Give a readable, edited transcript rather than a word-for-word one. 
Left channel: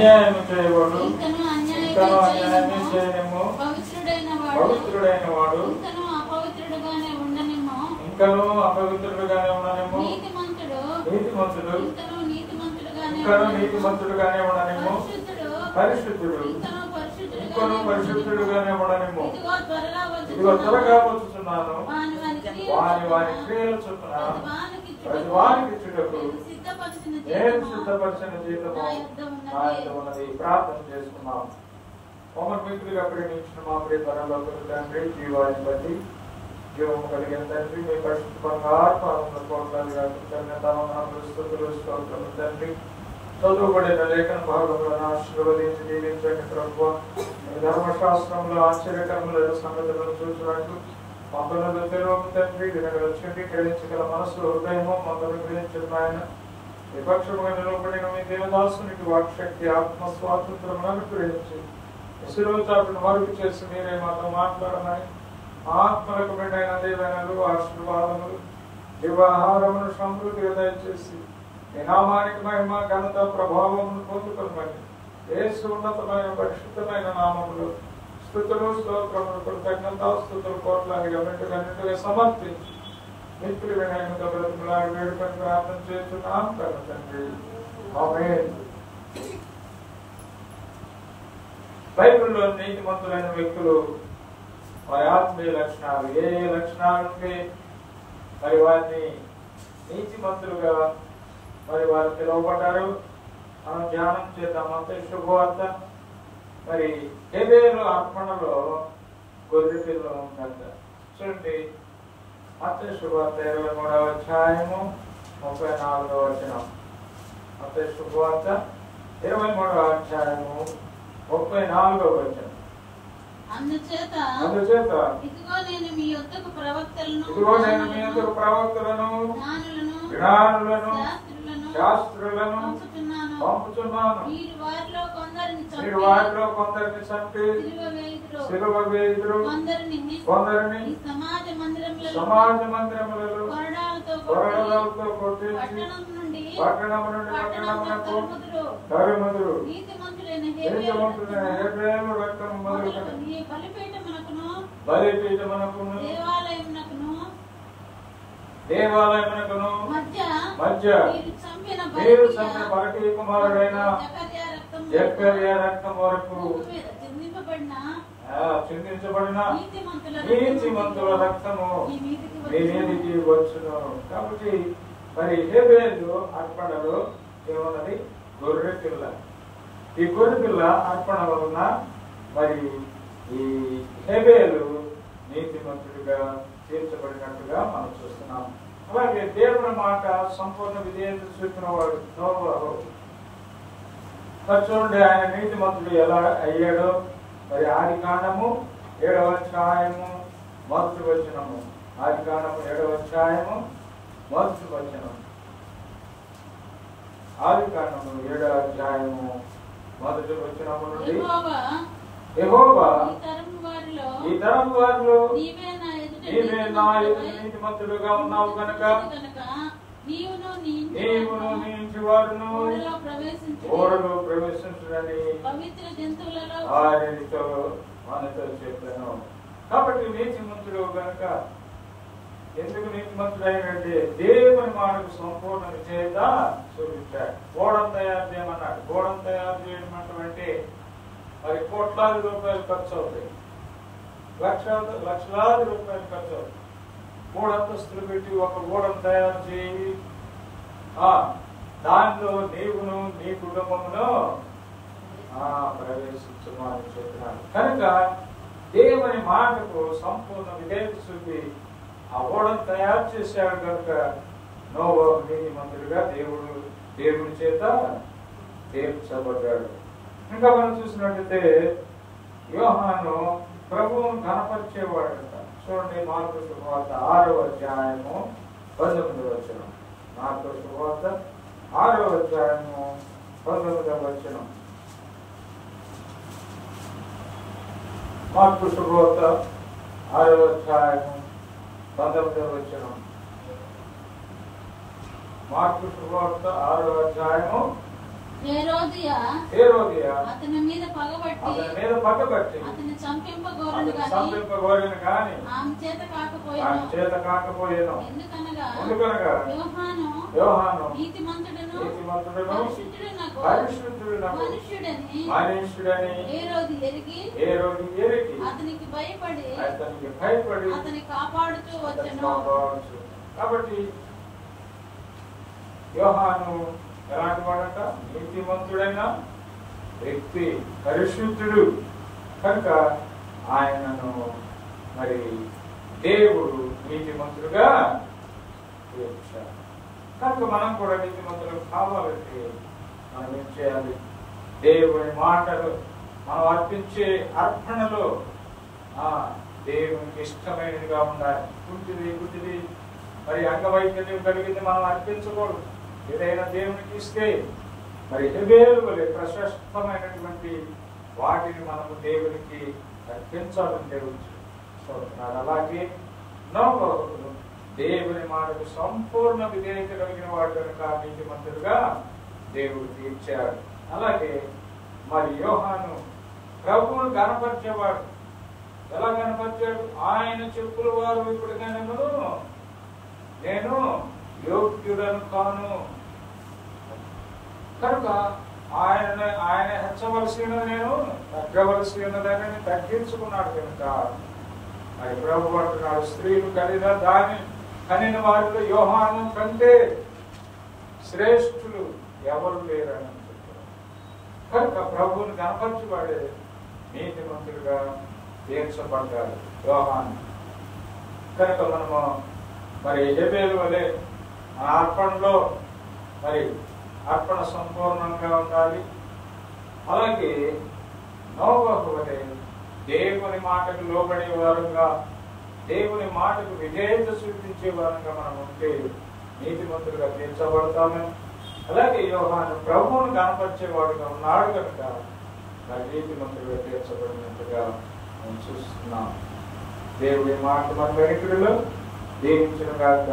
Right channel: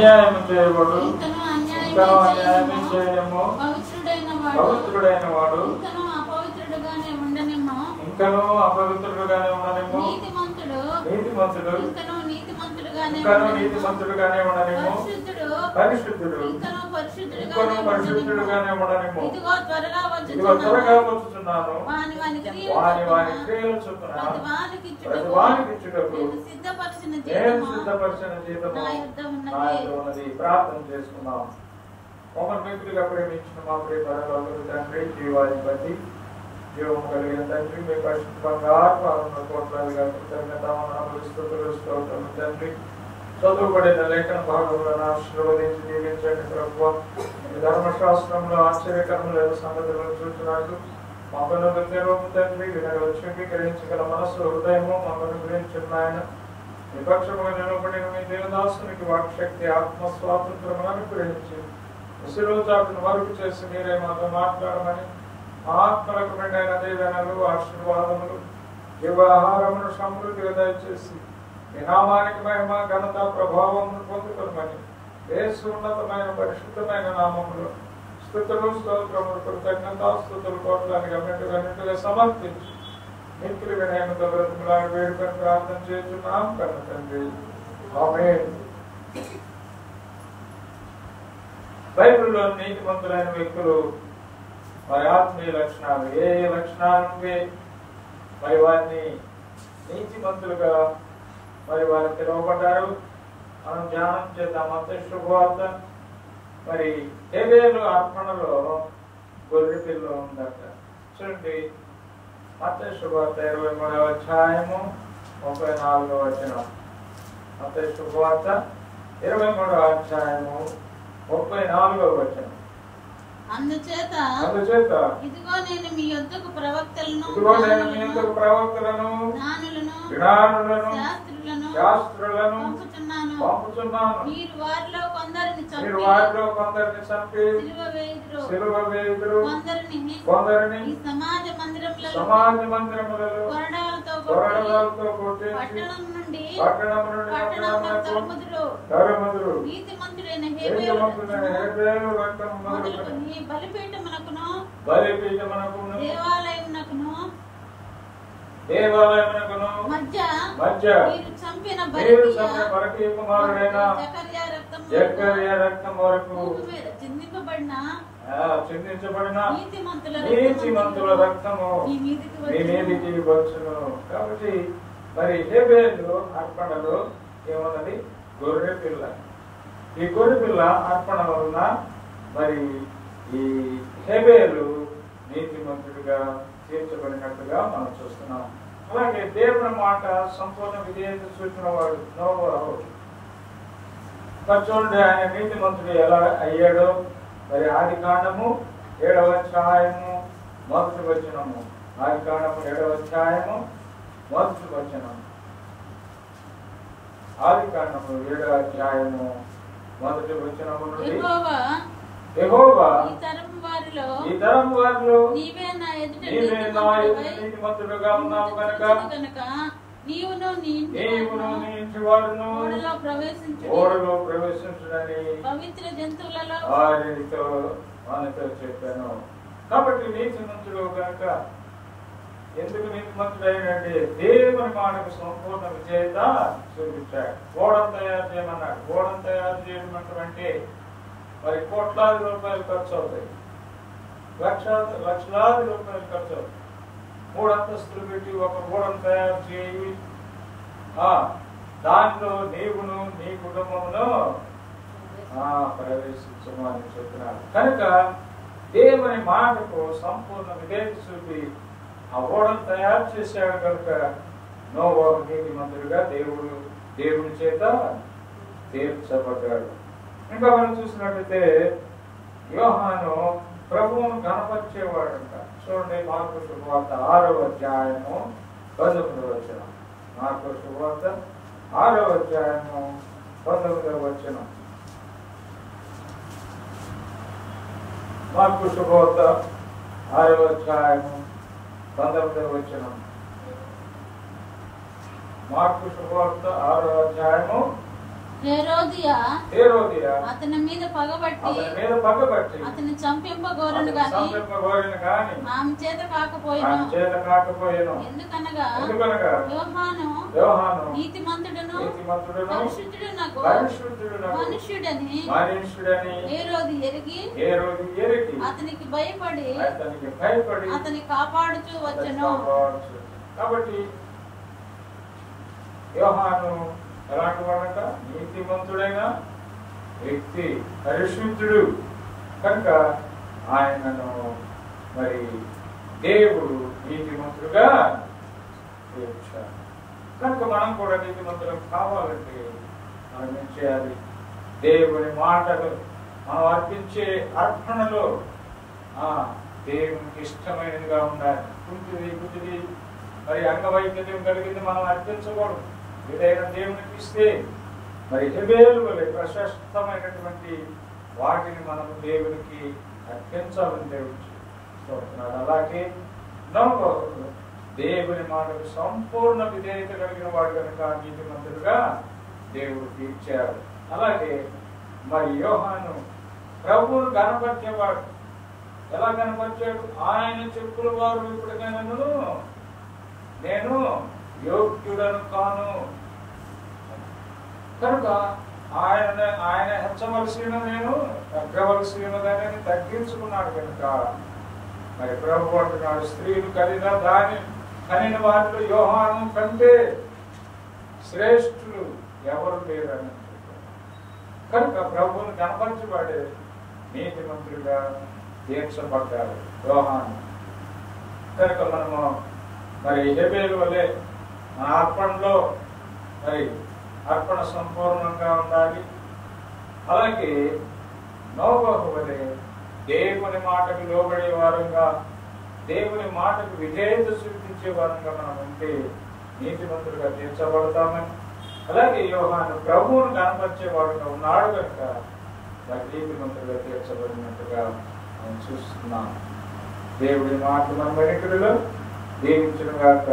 అన్యాయం చేయబడు ఇంకను అన్యాయం చేయనేమో పవిత్రుడైన వాడు ఇంకను అపవిత్రుడుగానే ఉండనేమో నీతిమంతుడు ఇంకను నీతిమంతుడుగానే ఉండనేమో పరిశుద్ధుడు ఇంకను పరిశుద్ధుడుగానే ఉండనేమో ఇదిగో త్వరగా వచ్చుచున్నాను వాని క్రియలు చొప్పున ప్రతి వానికి ఇచ్చుటకు నేను సిద్ధపరిచిన జీతము నా యొద్ద ఉన్నది. ప్రార్థన చేసుకున్నాం. మమ్మల్ని మిత్రులుగా ప్రేమించిన మా ప్రియ పరలోకపు తండ్రి, జీవాన్ని బట్టి జీవము కలిగిన తండ్రి, మీ పరిశుద్ధ ఆత్మలను కోట్లాలుగా స్తోత్రము తండ్రి. చదువుబడిన లేఖన భాగములను ఆశీర్వదించి దీవించండి ప్రభువా. ధర్మశాస్త్రంలో ఆశ్చర్యకరములైన సంగతులను చూసినట్లు మమ్మల్ని తెరవము తండ్రి. వినగల చెవి గ్రహించగల మనసు హృదయము మమ్మల్ని గ్రహించిన ఆయన విపక్షముగా నిలబడిన మీ దేవదాసునికి వాక్శక్తి ఆత్మ స్వాతంత్రమును అనుగ్రహించి శిరోజాటును మరుగు చేసి మీరే మాతో మాట్లాడమని ఆత్మలకు మెండైన దీవెనలు ఆశీర్వాదములు వివాహారమును సమృద్ధిగా దయచేసి మీ నామానికి మహిమ ఘనత ప్రభావమును పొందుకోమని యేసు ఉన్నతమైన పరిశుద్ధమైన నామములు స్తుతులు స్తోత్రములు కృతజ్ఞతాస్తుతులు కోట్లాదిగా మెండుగా సమర్పించి మిత్రులు వినయముతో బ్రతుకులాగా వేడుకొని ప్రార్థన చేస్తున్నాం కన్న తండ్రి. ఆమేన్. బైబిల్లో నీతిమంతులైన వ్యక్తులు వారి ఆత్మీయ లక్షణాలు ఏ లక్షణాలు మరి వారిని నీతిమంతులుగా మరి వారు పిలువబడ్డారు. మనం ధ్యానం చేద్దాం. మత్తయి శుభవార్త మరి హేబేలు అర్పణలో గొర్రె పిల్ల ఉందట. చూడండి, మత్తయి శుభవార్త 23వ అధ్యాయము 34వ వచనం. మత్తయి శుభవార్త 23వ అధ్యాయము 34వ వచనం. అందుచేత ఇదిగో నేను మీ యొద్దకు ప్రవక్తలను జ్ఞానులను శాస్త్రులను పంపుచున్నాను. మీరు వారిలో కొందరిని చంపి సిలువ వేయుదురు, కొందరిని సమాజ మందిరములలో కొరడాలతో కొట్టించి పట్టణం నుండి పట్టణమునకు తరుముదురు. నీతిమంతుడైన హేబేలు రక్తము మొదలుకొని బలిపీఠమునకును దేవాలయమునకును మధ్య మీరు చంపిన పరకీ కుమారుడైన జకర్యా రక్తం వరకు చిందించబడిన నీతిమంతుల రక్తము మీ మీదికి వచ్చును. కాబట్టి మరి హేబేలు అర్పణలో ఏమన్నది? గొర్రె పిల్ల. ఈ గొర్రె పిల్ల అర్పణ వలన మరి ఈ హేబేలు నీతిమంతుడిగా తీర్చబడినట్టుగా మనం చూస్తున్నాం. అలాగే దేవుని మాట సంపూర్ణ విధేయత చూపిన వాడు నోవాహు. చూడండి, ఆయన నీతిమంతుడు ఎలా అయ్యాడో మరి ఆదికాండము 7వ అధ్యాయము 1వ వచనము. ఆదికాండము 7వ అధ్యాయము 1వ వచనం. ఆదికాండము 7వ అధ్యాయము 1వ వచనము నుండి యెహోవా ఈ తరం వారిలో నీవే నా ఎదుట నీతిమంతుడుగా ఉన్నావు కనుక నీవును నీ ఇంటి వారును ఓడలో ప్రవేశించునని వారితో చెప్పాను. కాబట్టి నీతిమంతుడు కనుక ఎందుకు నీతిమంతుడు అయినంటే దేవుని మాటకు సంపూర్ణ విజేత చూపించాడు. ఓడను తయారు చేయమన్నాడు. ఓడను తయారు చేయడం అంటే మరి కోట్లాది రూపాయలు ఖర్చు అవుతాయి, లక్షలాది రూపాయలు ఖర్చు అవుతాయి. 3 అంతస్తులు పెట్టి ఒక ఓడను తయారు చేయి, దానిలో నీవును నీ కుటుంబమును ప్రవేశించమని చెప్తున్నాడు. కనుక దేవుని మాటకు సంపూర్ణ విధేయత చూపి ఆ ఓడను తయారు చేశాడు కనుక నోవాహు నీతిమంతుడిగా దేవుని చేత తీర్చబడ్డాడు. ఇంకా మనం చూసినట్లయితే యోహాను ప్రభువును ఘనపరిచేవాడంట. చూడండి, మార్కు శుభవార్త 6వ అధ్యాయము 19వ వచనం. మార్కు శుభవార్త 6వ అధ్యాయము 19వ వచనం. మార్కు శుభవార్త 6వ అధ్యాయము 19వ వచనం. మార్కు శుభవార్త 6వ అధ్యాయము హేరోదియా అతని మీద పగబట్టి అతని చంపింపగోరిన గాని ఆమె చేత కాకపోయేను. ఎందుకనగా యోహాను నీతిమంతుడును పరిశుద్ధుడునగు మనుష్యుడని హేరోదు ఎరిగి అతనికి భయపడి అతని కాపాడుతూ వచ్చెను. కాబట్టి యోహాను ఎలాంటి వాడట? నీతిమంతుడైన వ్యక్తి, పరిశుద్ధుడు కనుక ఆయనను మరి దేవుడు నీతిమంతుడుగా తీర్చాడు. కనుక మనం కూడా నీతిమంతులు కావాలంటే మనం ఏం చేయాలి? దేవుని మాటలు మనం అర్పించే అర్పణలో దేవునికి ఇష్టమైనదిగా ఉండాలి. గుడ్డిది మరి అంగవైకల్యం కలిగింది మనం అర్పించకూడదు. ఏదైనా దేవునికి ఇస్తే మరి హెబేలు వలె ప్రశస్తమైనటువంటి వాటిని మనము దేవునికి అర్పించాలని దేవుడు చెప్తున్నాడు. అలాగే నోబహు దేవుని మాటకు సంపూర్ణ విధేయత కలిగిన వాడు కనుక నీతిమంతుడుగా దేవుడు తీర్చాడు. అలాగే మరి యోహాను ప్రభువును కనపరిచేవాడు. ఎలా కనపరిచాడు? ఆయన చెప్పుల వారు ఇప్పటికైనా నేను యోగ్యుడను కాను కనుక ఆయన హెచ్చవలసి నేను తగ్గవలసి ఉన్నదని తగ్గించుకున్నాడు కనుక మరి ప్రభు అంటున్నాడు, స్త్రీలు కనిన వారిలో యోహాను కంటే శ్రేష్ఠులు ఎవరు లేరని. కనుక ప్రభువును కనపరచువాడే నీతిమంతుడిగా తీర్చబడ్డాడు యోహాను. కనుక మనము మరి హెబేలు వలె మన అర్పణలో మరి అర్పణ సంపూర్ణంగా ఉండాలి. అలాగే నోబహు వలె దేవుని మాటకు లోబడే వారంగా, దేవుని మాటకు విధేయత చూపించే వారంగా మనం ఉంటే నీతిమంతులుగా తీర్చబడతామని. అలాగే యోహాను ప్రభువును కనపరిచేవాడుగా ఉన్నాడు కనుక మరి నీతిమంతులుగా తీర్చబడినట్టుగా మనం చూస్తున్నాం. దేవుడి మాట మన వెనుకలో దీవించుగాక.